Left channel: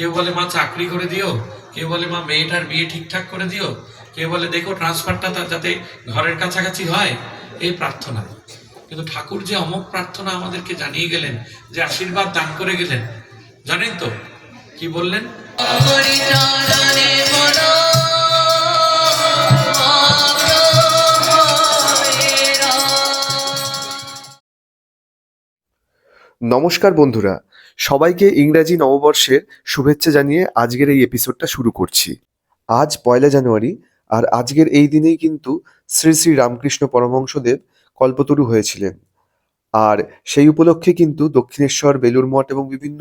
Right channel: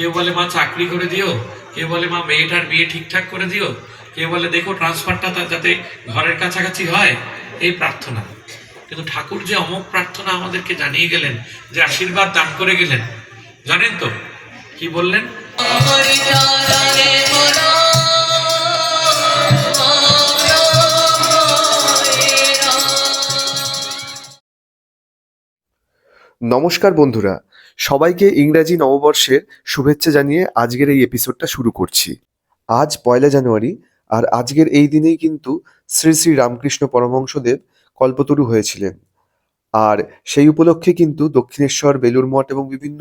কেউ বলে, মা, চাকরি করে দিও। কেউ বলে, মা, মেয়েটার বিয়ে ঠিকঠাক করে দিও। কেউ বলে, দেখো ট্রান্সফারটা তার যাতে ঘরের কাছাকাছি হয়। এই প্রার্থনা। কিন্তু ঠাকুর যে অমক প্রার্থনা আমাদেরকে জানিয়ে গেলেন, যে আশীর্বাদ দান করে গেলেন, জানেন তো? কি বললেন? নমস্কার বন্ধুরা, সবাইকে ইংরাজি নববর্ষের শুভেচ্ছা জানিয়ে আজকের এই এপিসোডটা শুরু করছি। আজ পয়লা জানুয়ারি, আর আজকের এই দিনেই কিন্তু শ্রী শ্রী রামকৃষ্ণ পরমহংসদেব কল্পতরু হয়েছিলেন। আর সেই উপলক্ষে কিন্তু দক্ষিণেশ্বর বেলুর মঠ এবং বিভিন্ন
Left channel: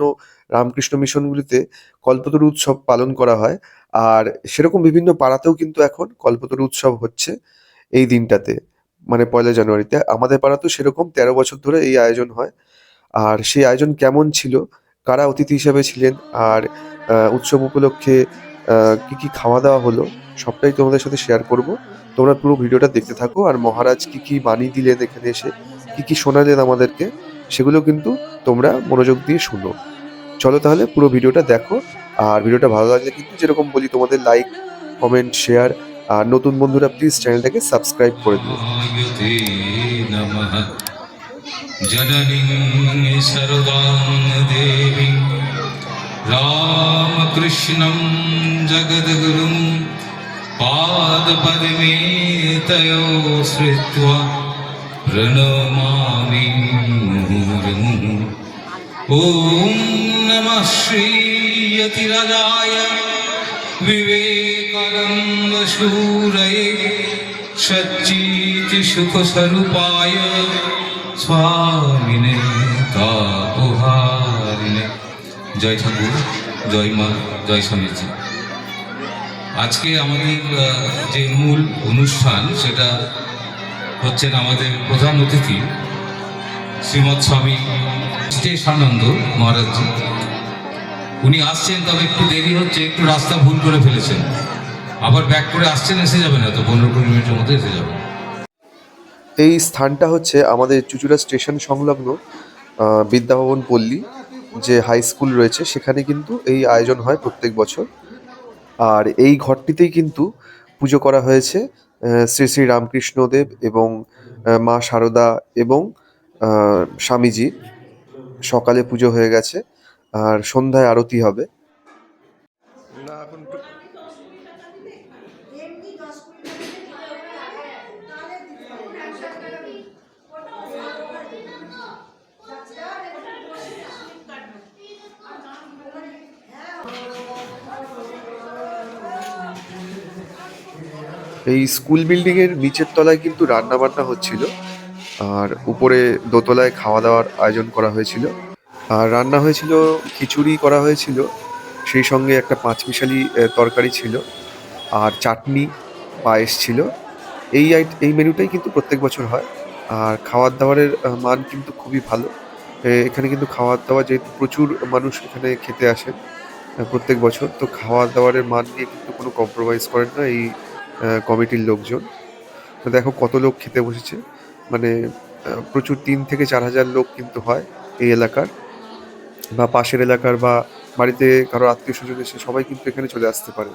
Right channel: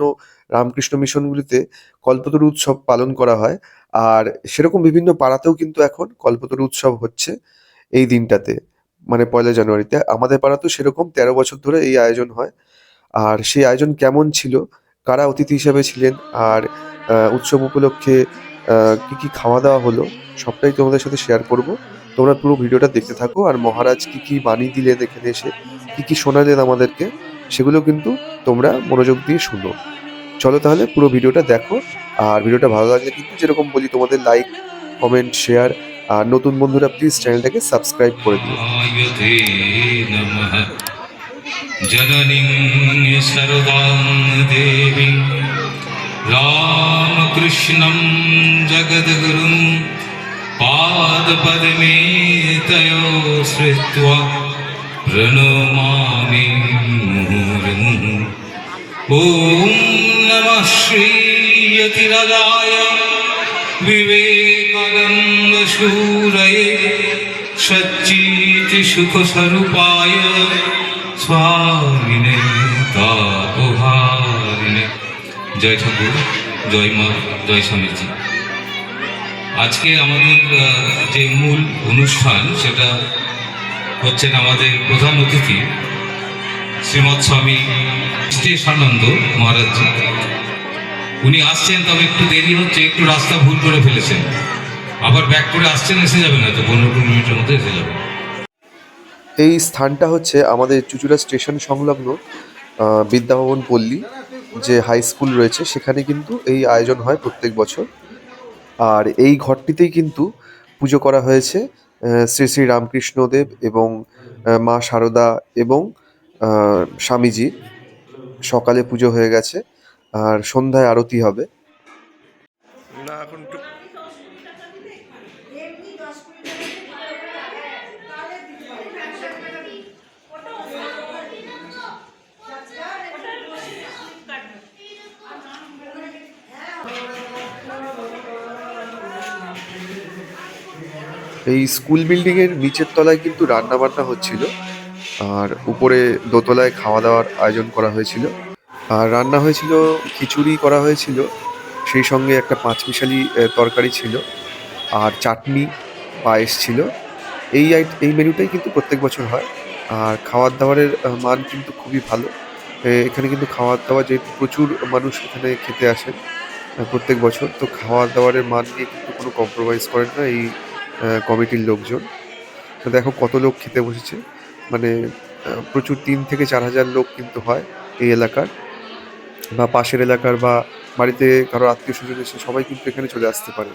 রামকৃষ্ণ মিশনগুলিতে কল্পতরু উৎসব পালন করা হয়। আর সেরকম বিভিন্ন পাড়াতেও কিন্তু এখন কল্পতরু উৎসব হচ্ছে এই দিনটাতে মানে পয়লা জানুয়ারিতে। আমাদের পাড়াতেও সেরকম তেরো বছর ধরে এই আয়োজন হয়। আর সেই আয়োজন কেমন ছিল? কারা অতিথি হিসেবে ছিলেন? আর উৎসব উপলক্ষে কি কি খাওয়া দাওয়া হলো? সবটাই তোমাদের সাথে শেয়ার করব। তোমরা পুরো ভিডিওটা দেখতে থাকো। আর মহারাজ কি কি বাণী দিলেন এখানে এসে? কি কি শোনালেন আমাদেরকে? সেগুলো কিন্তু তোমরা মনোযোগ দিয়ে শুনো। চলো তাহলে পুরো ভিডিওটা দেখো। আর ভিডিওটা ভালো লাগলে কিন্তু যেরকম বলি তোমাদের লাইক কমেন্ট শেয়ার আর নতুন বন্ধুরা প্লিজ চ্যানেলটাকে সাবস্ক্রাইব করে দিও। जननीं सर्वां देवीं रामकृष्णं जगद्गुरुं पादपद्मे तयो श्रुत्वा प्रणमामि मुहुर्मुहुः ॐ नमः श्रीयतिरजाय विवेकानन्दशूरये सच्चितिसुखस्वरूपाय স্বামিনে তাপহারিণে জয় ঠাকুর, জয় মা, জয় স্বামীজি। আজকে আমাদের যে মূল অনুষ্ঠান, সেটা হচ্ছেন আমাদের প্রধান অতিথি, শ্রীমৎ স্বামী শেষানন্দ মহারাজজি। উনি আসছেন, তবে একটু দেরি হচ্ছে, একটু রাস্তা ভুল করে ফেলেছেন। আবার ব্যাক করে আসছেন, এসে যাবেন হয়তো, পনেরো কুড়ি মিনিটের মধ্যে এসে যাবেন। এই স্থানটা হচ্ছে আমাদের চুচুড়া স্টেশন সংলগ্ন বিদ্যাভবন পল্লী যে হাই স্কুল রয়েছে সেখানে কিন্তু এই আয়োজন হয় প্রত্যেক বছর। আর এই ঘরটিতেই কিন্তু পুজো করা হয়েছে শ্রী শ্রী রামকৃষ্ণদেব এবং মা শারদা এবং আহ, স্বামীজির। সকালে পুজো হয়ে গেছে আর সন্ধ্যায় আরতি হবে না এখন একটু এই স্কুল বিল্ডিং এর নিচের তলায় কিন্তু রান্না বান্না হচ্ছিল। আর উপরে দোতলায় খাওয়া দাওয়ার আয়োজন করা হয়েছিল। আর রান্না হয়েছিল, খিচুড়ি করা হয়েছিল, সেই সঙ্গে একটা পাঁচমিশালি তরকারি ছিল, আর চাটনি, পায়েস ছিল। এই এই মেনুটাই কিন্তু প্রত্যেক বছর হয়। আর খাওয়ার দাওয়ারের মান কিন্তু খুবই ভালো। এখানে কিন্তু খাওয়ার দাওয়া যেহেতু প্রচুর মানুষ এখানে খেতে আসেন প্রত্যেক বছর, তো খাওয়ার দাওয়ারের মান নিয়ে কিন্তু কোনো কম্প্রোমাইজ করেন না। এই কমিটির লোকজন। তো দেখো কত লোক খেতে বসেছে। মানে প্রচুর তিন থেকে চার হাজার লোক কিন্তু হয় এই এলাকার। বা পাশের এলাকার বা বাড়িতে কারও আত্মীয় স্বজন এসে সবাই কিন্তু এখানে চলে আসতে পারে।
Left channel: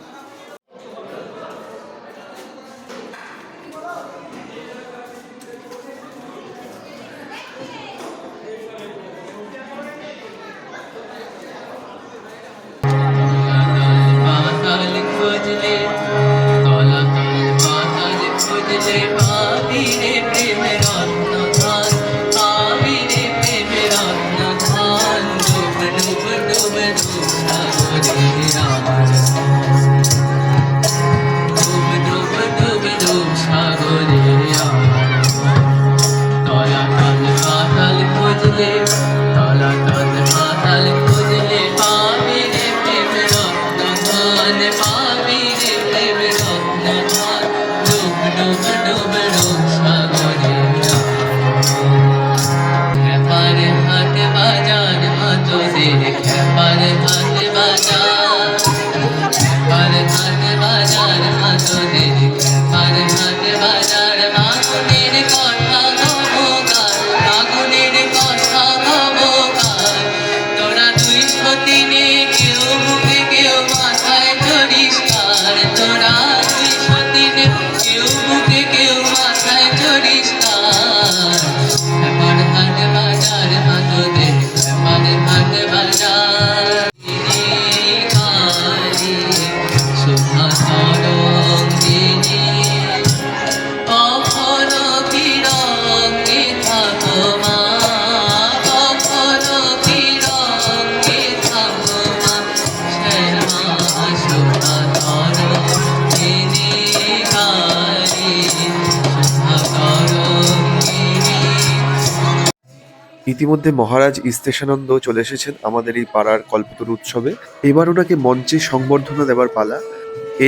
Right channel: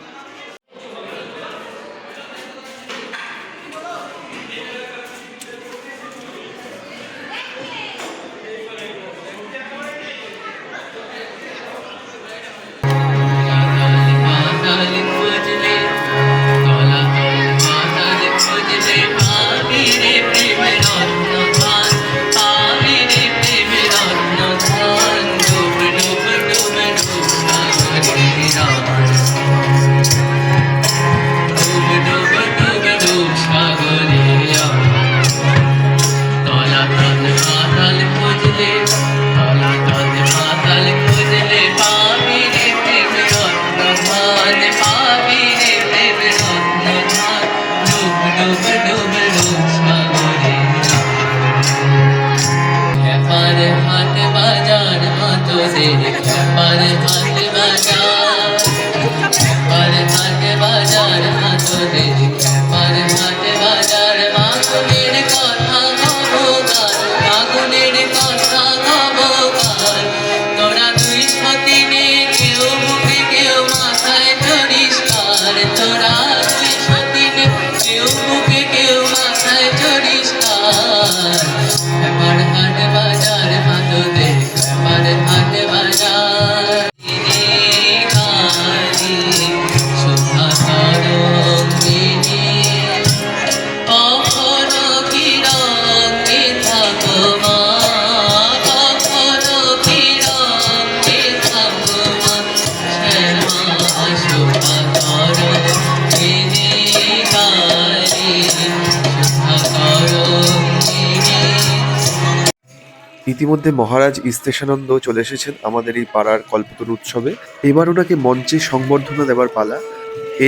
ইতিমধ্যে মহারাজ ইস্তেশানন্দ চলে এসেছেন আমাদের এই পাড়ার কল্পতরু উৎসবে। এবার ওনাকে মঞ্চে সংবর্ধনা দেওয়ার পালা।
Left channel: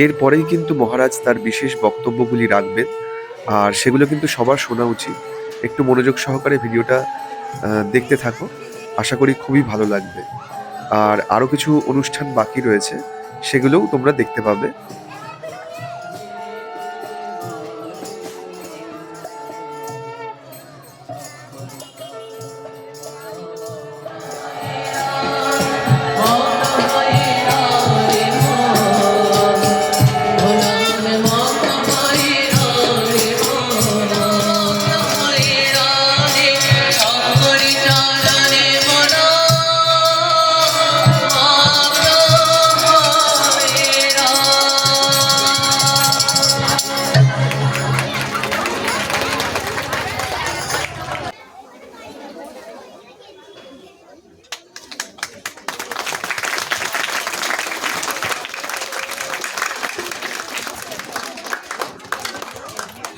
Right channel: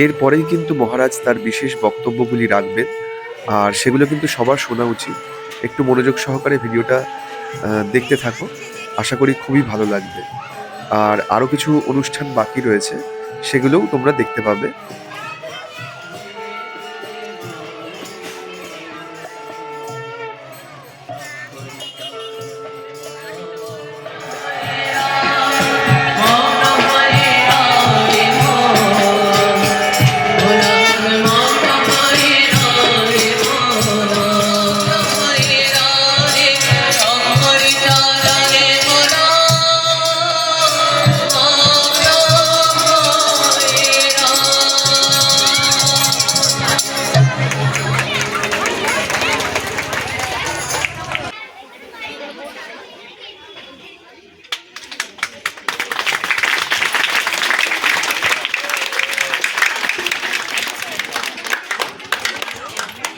এরপরেই কিন্তু মহারাজ তার বিশেষ বক্তব্যগুলি রাখবেন। আর সেগুলো কিন্তু সবার শোনা উচিত। একটু মনোযোগ সহকারে ভিডিওটা দেখতে থাকো। আশা করি খুবই ভালো লাগবে। আর আরও কিছু অনুষ্ঠান বাকি রয়েছে, সেগুলোও তোমরা দেখতে পাবে।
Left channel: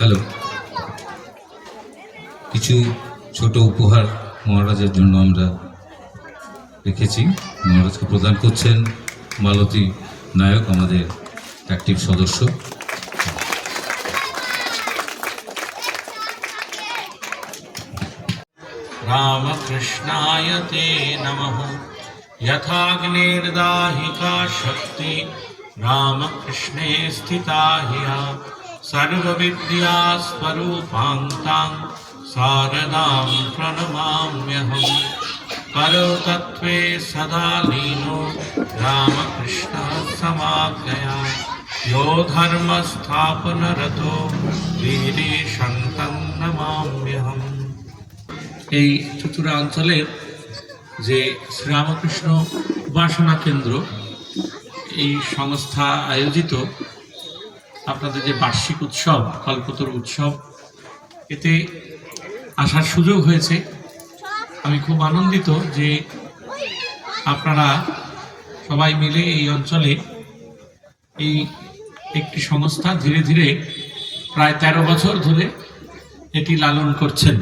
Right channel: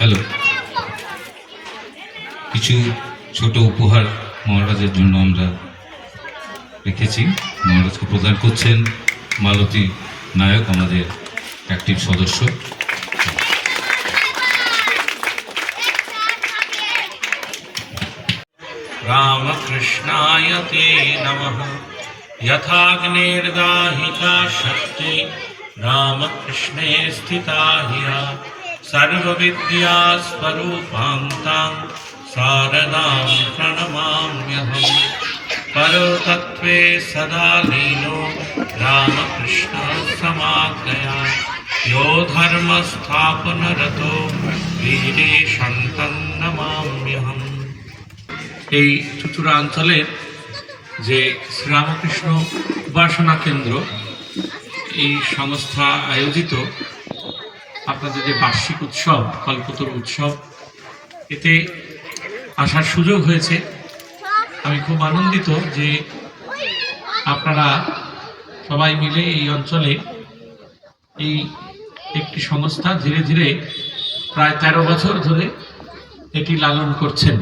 হ্যালো কিছু ছোট উপহার মহারাজের জন্য আমরা রেখেছি মহারাজকে প্রদান করছেন মালতী নায়ক আমাদের অ্যাক্টিভ সদস্য रामकृष्णाय ते नमः यथाग्नेर्दाहिका शक्ति रामकृष्णे स्थिता ह्य सर्वविद्यास्वरूपान्तां शारदां प्रणमाम्यहम् परतत्त्वे सदा लीनो रामकृष्णः समाज्ञया यो धर्मस्थापनरतो वीरे शन्तं नमाम्यहम् এই চুচুড়া অঞ্চলের যে শ্রীরামকৃষ্ণ উপাসনা কেন্দ্র এই সংস্থা আয়োজিত আপনাদের যে বার্ষিক উৎসব কল্পতরু উৎসব, এতে আসার সুযোগ হয়েছে। আমি খুব আনন্দিত যে আপনারা সবাই মিলে এই অঞ্চলে এই একটি সংস্থা ধীরে ধীরে প্রায় তেরো বছর ধরে এটি লালন করছেন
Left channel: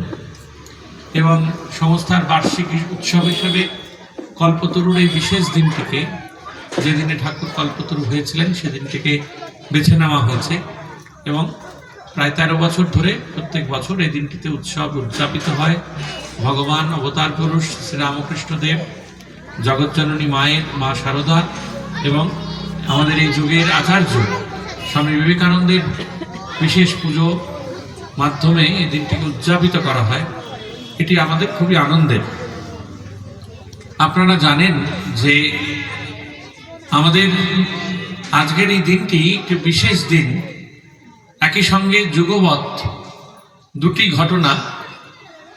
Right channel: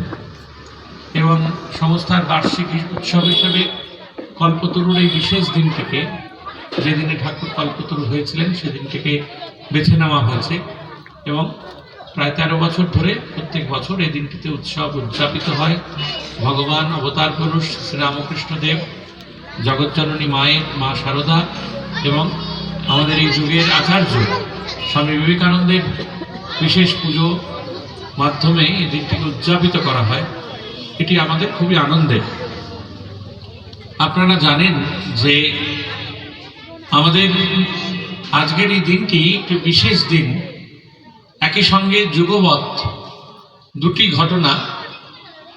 এবং সংস্থার বার্ষিক উৎসব হিসেবে কল্পতরুর এই বিশেষ দিনটিকে, যেদিনে ঠাকুর কল্পতরু হয়েছিলেন সেদিন থেকে বেছে নেওয়া হয়েছে এবং প্রায় তেরো বছর ধরে প্রত্যেক বছর এই দিনটিতে উৎসব উদযাপিত হয়। ভগবান অবতার পুরুষ শ্রীরামকৃষ্ণ দেব, জগজ্জননী মায়ের মা শারদা এবং আমাদের এই যুগের আচার্য স্বামী বিবেকানন্দের বিশেষ পুজো মাধ্যমে এই দিনটিকে উদযাপিত করা হয়। এটি আমাদের খুবই আনন্দের। আপনারা জানেন যে আমাদের আজকের এই দিনটি একটি বিশেষ দিন। একই সঙ্গে যুগবৎ দুটি ঘটনা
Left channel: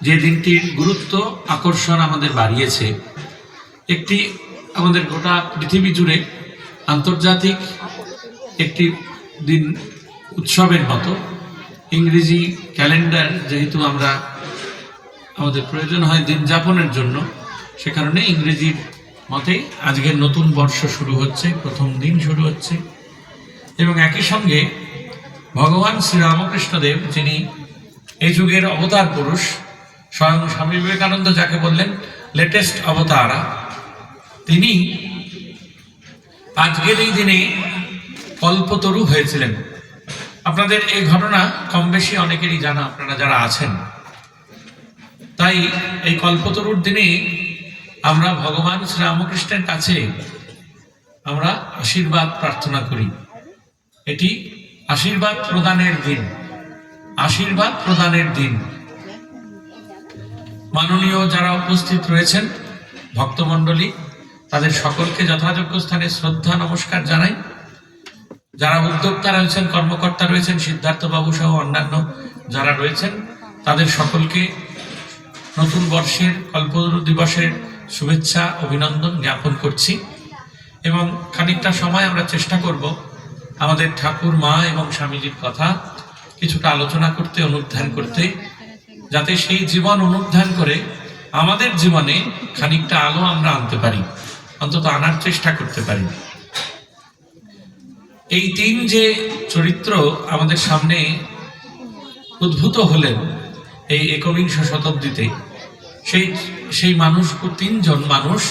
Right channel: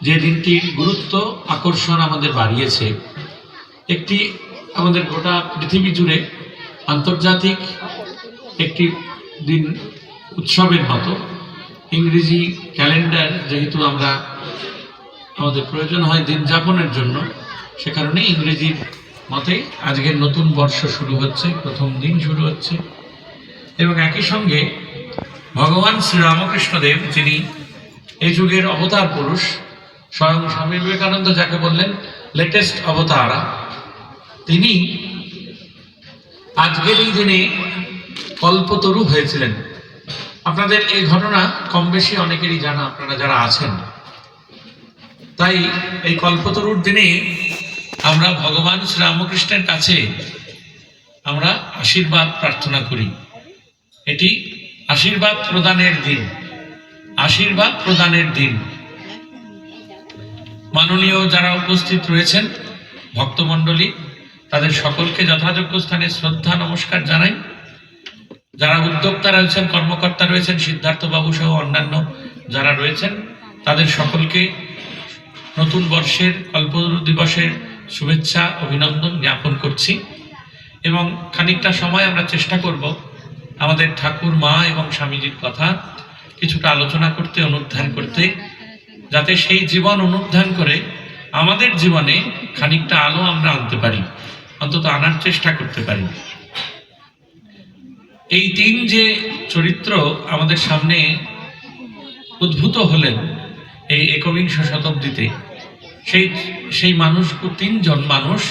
যে দিনটির গুরুত্ব, আকর্ষণ আমাদের বাড়িয়েছে। একটি আমাদের গোটা পৃথিবী জুড়ে আন্তর্জাতিক একটি দিন উৎসবের মতো। ইংরেজি ক্যালেন্ডার যেহেতু আমরা আমাদের প্রয়োজন হয় দিন যাপনের জন্য, সে কারণে ইংরেজির মতে আজকের নতুন বর্ষ শুরু হচ্ছে, প্রথম দিন শুরু হচ্ছে। এবং একই সঙ্গে ভগবান শ্রীরামকৃষ্ণদেব, যিনি এই যুগের অবতার পুরুষ, স্বয়ং স্বামী বিবেকানন্দ যাকে বললেন, লেটেস্ট অবতারা তিনি আজকের এই দিনে কল্পতরু হয়েছিলেন। আপনাদের এই ঘটনা কম বেশি অনেকেরই জানা, আপনারা যারা আছেন। তাই এই কল্পতরুর দিনে আমরা ভগবান শ্রীরামকৃষ্ণের কাছে আমরা আশীর্বাদ প্রার্থনা করি। এটি আশীর্বাদ প্রদানের দিন। আশীর্বাদ প্রদানের দিন। মাননীয় যারা উপস্থিত রয়েছেন, ভক্তমণ্ডলী, তাদের সকলকে যথাযোগ্য স্থানে শ্রদ্ধা, নমস্কার জানাই। যারা উদ্যোক্তা রয়েছেন, কর্মকর্তা রয়েছেন, সিদ্ধার্থবাবু সহ অন্যান্য যারা রয়েছেন, তাদের সকলকে নতুন বর্ষের কল্পতরু দিবসের শুভেচ্ছা, অভিনন্দন জ্ঞাপন করছি। এবং খানিকটা সময় আমরা চেষ্টা করব আমাদের ঠাকুর, মা এবং স্বামীজির কথা কিছুটা আলোচনা করতে অনুধ্যান করতে, যাতে সেই জীবন অনুধ্যান করে আমাদের জীবনে খানিকটা আলো আমরা আনতে পারি, অন্তত আনার চেষ্টা করতে পারি। এই তিন যে চরিত্র আমাদের সামনে উদ্ভূত হলেন এই একবিংশ শতাব্দীতে সেই সেই মানুষ তিনজন মানুষ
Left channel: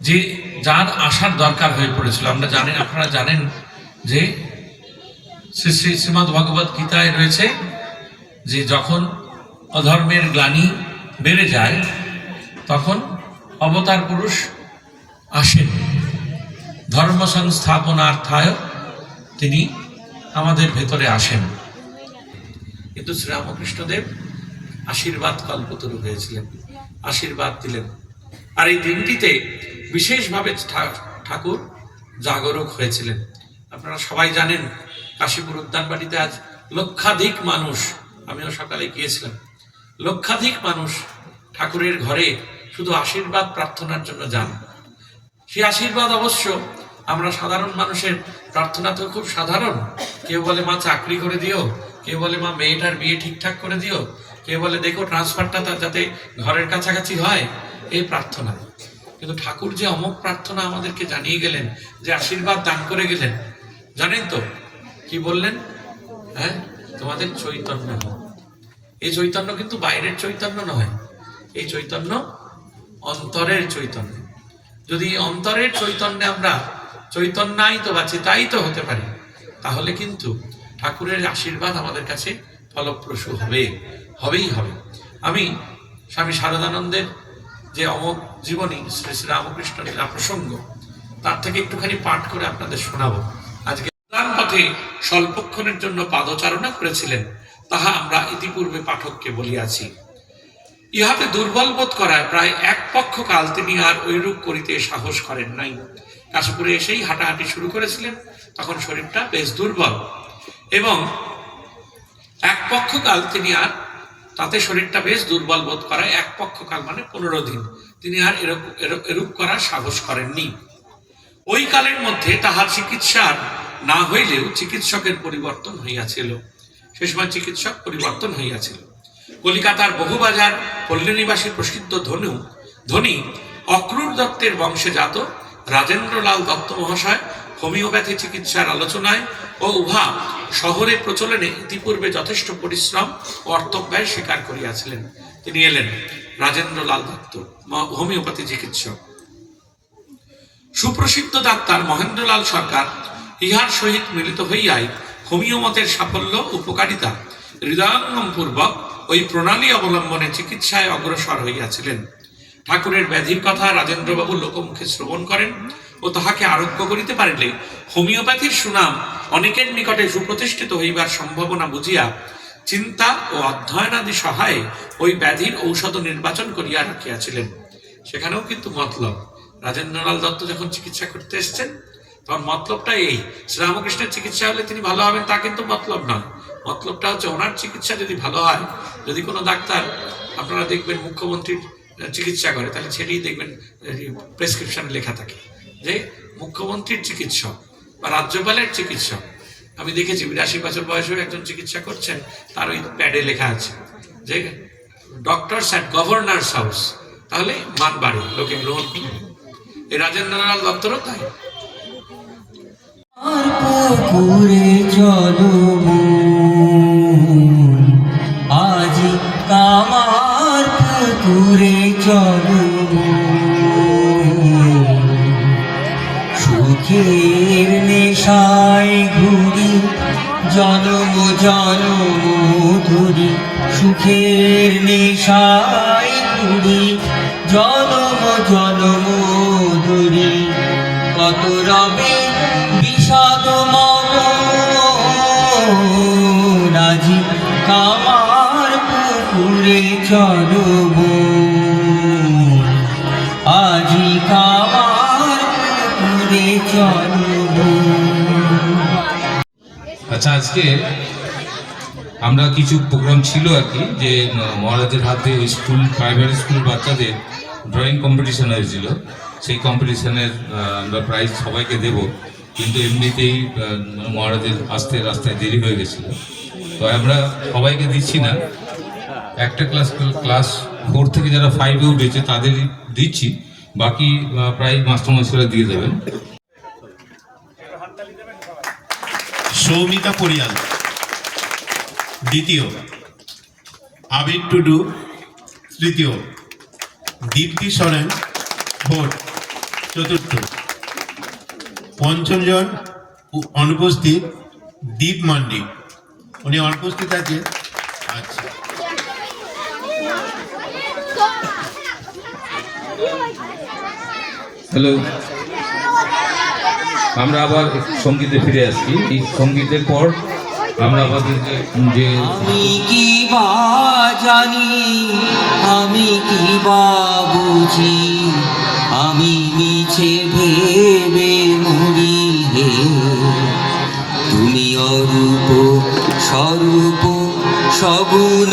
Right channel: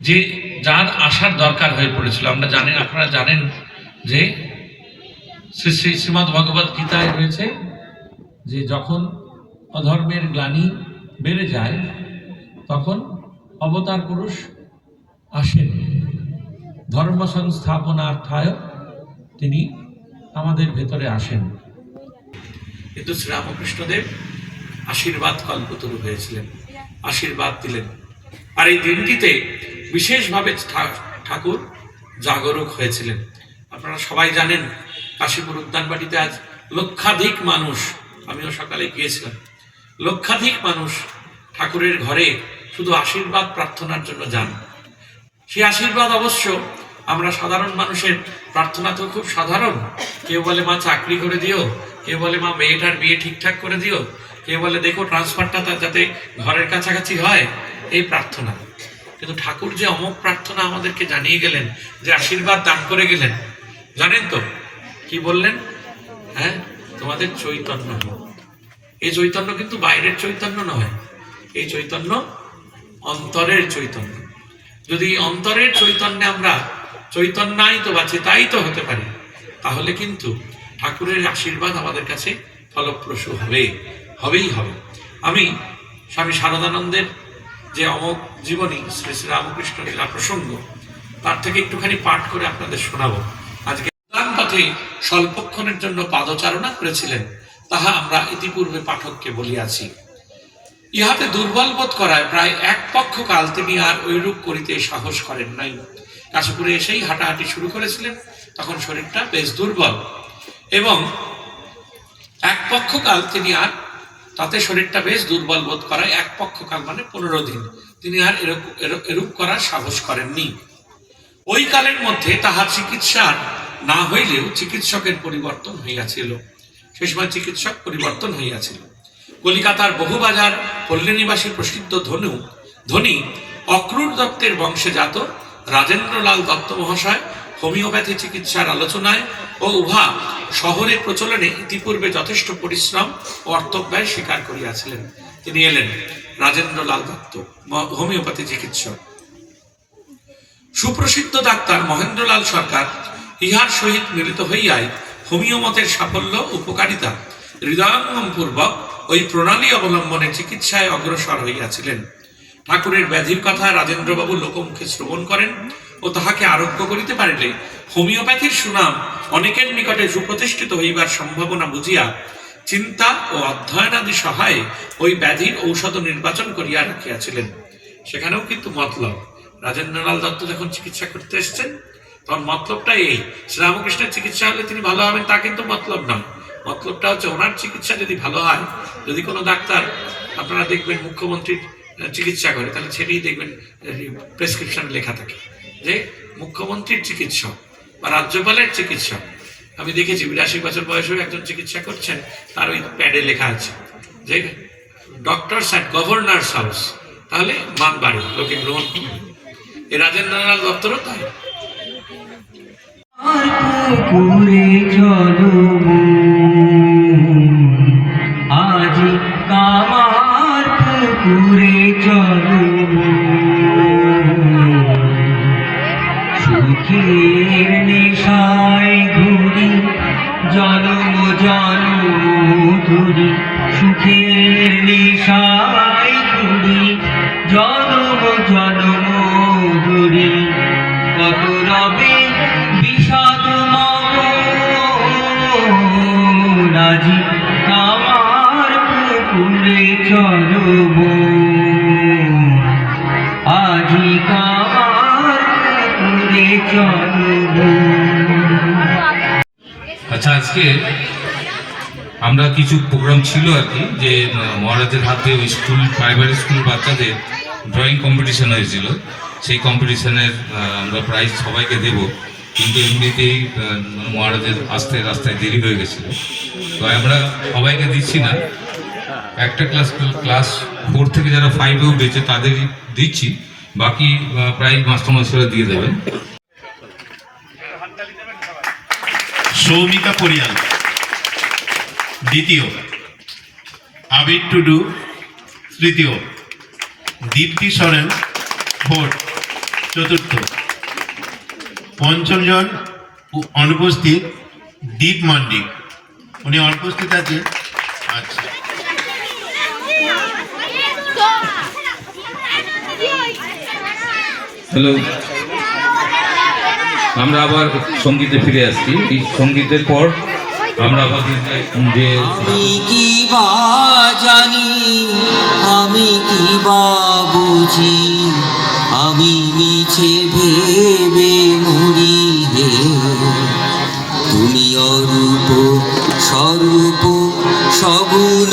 যে, যার আসার দরকার হয়ে পড়েছিল। আমরা জানেন আপনারা জানেন যে শ্রী শ্রী শ্রীমদ ভগবত গীতায় রয়েছে যে যখন অধর্মের গ্লানি বেড়ে যায়, তখন অবতার পুরুষ আসেন। ধর্ম সংস্থাপনার্থায় তিনি আমাদের ভেতরে আসেন। কিন্তু শ্রীরামকৃষ্ণদেব আশীর্বাদ কল্পতরু হয়েছিলেন, আশীর্বাদ দিলেন। আর এই দিনটিতে বিশেষভাবে ঠাকুর জাগরুক হয়েছিলেন। আপনারা সবাই জানেন, কাশীপুর উদ্যানবাড়িতে আজ লক্ষাধিক মানুষ, আমিও সকালে গিয়েছিলাম। লক্ষাধিক মানুষ ঠাকুরের ঘরে শুধু আশীর্বাদ প্রার্থনার জন্য যান। সেই আশীর্বাদ অবশ্য আমরা সাধারণ মানুষের প্রার্থনা তো খুব সাধারণ। কেউ বলে, মা, চাকরি করে দিও। কেউ বলে, মা, মেয়েটার বিয়ে ঠিকঠাক করে দিও। কেউ বলে, দেখো ট্রান্সফারটা যাতে ঘরের কাছাকাছি হয়, এই প্রার্থনা। কিন্তু ঠাকুর যে অমক প্রার্থনা আমাদেরকে জানিয়ে গেলেন, যে আশীর্বাদ দান করে গেলেন, জানেন তো? কি বললেন? হ্যাঁ তোমাদের চৈতন্য। এই চৈতন্য কিন্তু বাইরের চৈতন্য নয়, এই চৈতন্য অন্তরের চৈতন্য। যদি অন্তরের চৈতন্যে আমরা চৈতন্যাই তো বা চেতাই তো হতে পারি, তাহলে কিন্তু ঠাকুরের আশীর্বাদ আমাদের কাছে ফলপ্রসূ হবে। হবেই হবে। আমি স্বামী শারদানন্দের যে অমক জীবনী শ্রী শ্রী রামকৃষ্ণ লীলা প্রসঙ্গ, তার থেকে একটুখানি পাঠ করে আপনাদের শোনাবো। আজকে পথে স্বল্পক্ষণের জন্য পাদচারণা করেছিলেন, তাহা আমরা ইতিপূর্বে পাঠককে বলিয়াছি। ইহাতে দুর্বল বোধ করায় প্রায় এক পক্ষ কাল তিনি আর ঐরূপ করিতে সাহস করেন নাই। কাশীপুরে এসেই হাঁটাহাঁটি শুরু করেছিলেন, তখন শরীরটা বেশ দুর্বল। এবং এক পক্ষ কাল তিনি আর তাতে শরীরটা বেশ দুর্বল বোধ করায় এক পক্ষ কাল মানে পনেরো দিন। তিনি আর এরূপ এরূপ- করার সাহস করেননি। ওই কালের মধ্যে তাহার চিকিৎসার না হইলেও চিকিৎসকের পরিবর্তন হইয়াছিল। সে সময় চিকিৎসক পরিবর্তন হইয়াছিল। কলিকাতার বহুবাজার পল্লীনিবাসী প্রসিদ্ধ ধনু, ধনী অক্রূর দত্তের বংশে জাত রাজেন্দ্রলাল দত্ত মহাশয় হোমিওপ্যাথি চিকিৎসার আলোচনায় ও উহা শহরে প্রচলনে ইতিপূর্বে যথেষ্ট পরিশ্রম ও অর্থব্যয় স্বীকার করিয়াছিলেন। তিনি এলেন রাজেন্দ্রলাল দত্ত ম- হোমিওপ্যাথি চিকিৎসক। সুপ্রসিদ্ধ ডাক্তার মহেন্দ্রলাল সরকার ইহার সহিত মিলিত হইয়াই হোমিওমতের সাফল্য, উপকারিতা হৃদয়ঙ্গম পূর্বক ওই প্রণালী অবলম্বনে চিকিৎসায় অগ্রসর হইয়াছিলেন। ঠাকুরের ব্যাধির কথা রাজেন্দ্রবাবু লোকমুখে শ্রবণ করেন ও তাহাকে আরোগ্য করিতে পারিলে হোমিওপ্যাথির সুনাম অনেকের নিকটে সুপ্রতিষ্ঠিত হইবার সম্ভাবনা বুঝিয়া চিন্তা ও অধ্যয়নাদি সহায়ে ওই ব্যাধির ঔষধ নির্বাচন করিয়া রাখিয়াছিলেন। সেখানেও কিন্তু মতলব। রাজেন্দ্রলাল দত্ত যখন চিকিৎসা করতে এসেছেন, তখন মতলবটা এই, শ্রীরামকৃষ্ণের চিকিৎসা হলে তিনি ভালো হবেন, তা কিন্তু মতলব নয়। মতলবটা হচ্ছে ওনার চিকিৎসা যদি ভালো হয়, যদি কোনো ডাক্তার, আপনারা দেখবেন মুখ্যমন্ত্রীর চিকিৎসা করে, তাহলে সেটাই দেখবেন প্রেসক্রিপশনে লেখা থাকে যে মুখ্যমন্ত্রীর চিকিৎসক বা রাজ্যপালের চিকিৎসক। আমি দেখেছি, বিরাশি বছর বয়সেও একজন চিকিৎসা করছেন, তার ওই প্যাডে লেখা আছে যে ডক্টরস অ্যাট গভর্নর্স হাউস তাহলে মান বাড়ে, লোকে গ্রহণ করবে। এই রাজেন্দ্রলাল দত্তরও তাই। আর সুখের নেশায় ঘুরি জনম জনম ধুরি কত রবে বিষাদ রাজি কামার পুকুরে চলব আজি কামার পুকুরে চলব আচ্ছা আজকে আমরা কিছু প্রোগ্রাম ছিল আর কি, যে মহারাজের হাতে ওই স্কুল প্রাইমারি স্কুল বাচ্চাদের ড্রয়িং কম্পিটিশন হয়েছিল। সেই কম্পিটিশনের আমরা প্রাইজ সবাইকে দেব, কিন্তু এমনিতেই মানে মহারাজের আসতে রাস্তায় দেরি হয়ে গেছিল। তো আমরা সবাইকে দিচ্ছি না। একটা ক্লাস ক্লাস ফোর থেকে যারা ফাইভে উঠেছে, তাদেরই দিচ্ছি। বাকি প্রাইজ মাস্টারমশাইরা দিয়ে দেবেন। সৌমিতা পরিয়াল। দ্বিতীয় আবির টুডু তৃতীয় দীপ্তি সরেন ফোর্থ চতুর্থ পঞ্চম জন অনুপস্থিত দীপ মান্ডি। উনি অনুপস্থিত আছেন? আচ্ছা। হ্যালো। আমরা আবার সঙ্গীতে ফিরে আসছি। এই সঙ্গীতের পর আমরা যে- আমি কি বা জানি? আমি কি বা বুঝি? আমি মিছে ভেবে মরি হে। তুমি অরূপ, স্বরূপ, সগুণ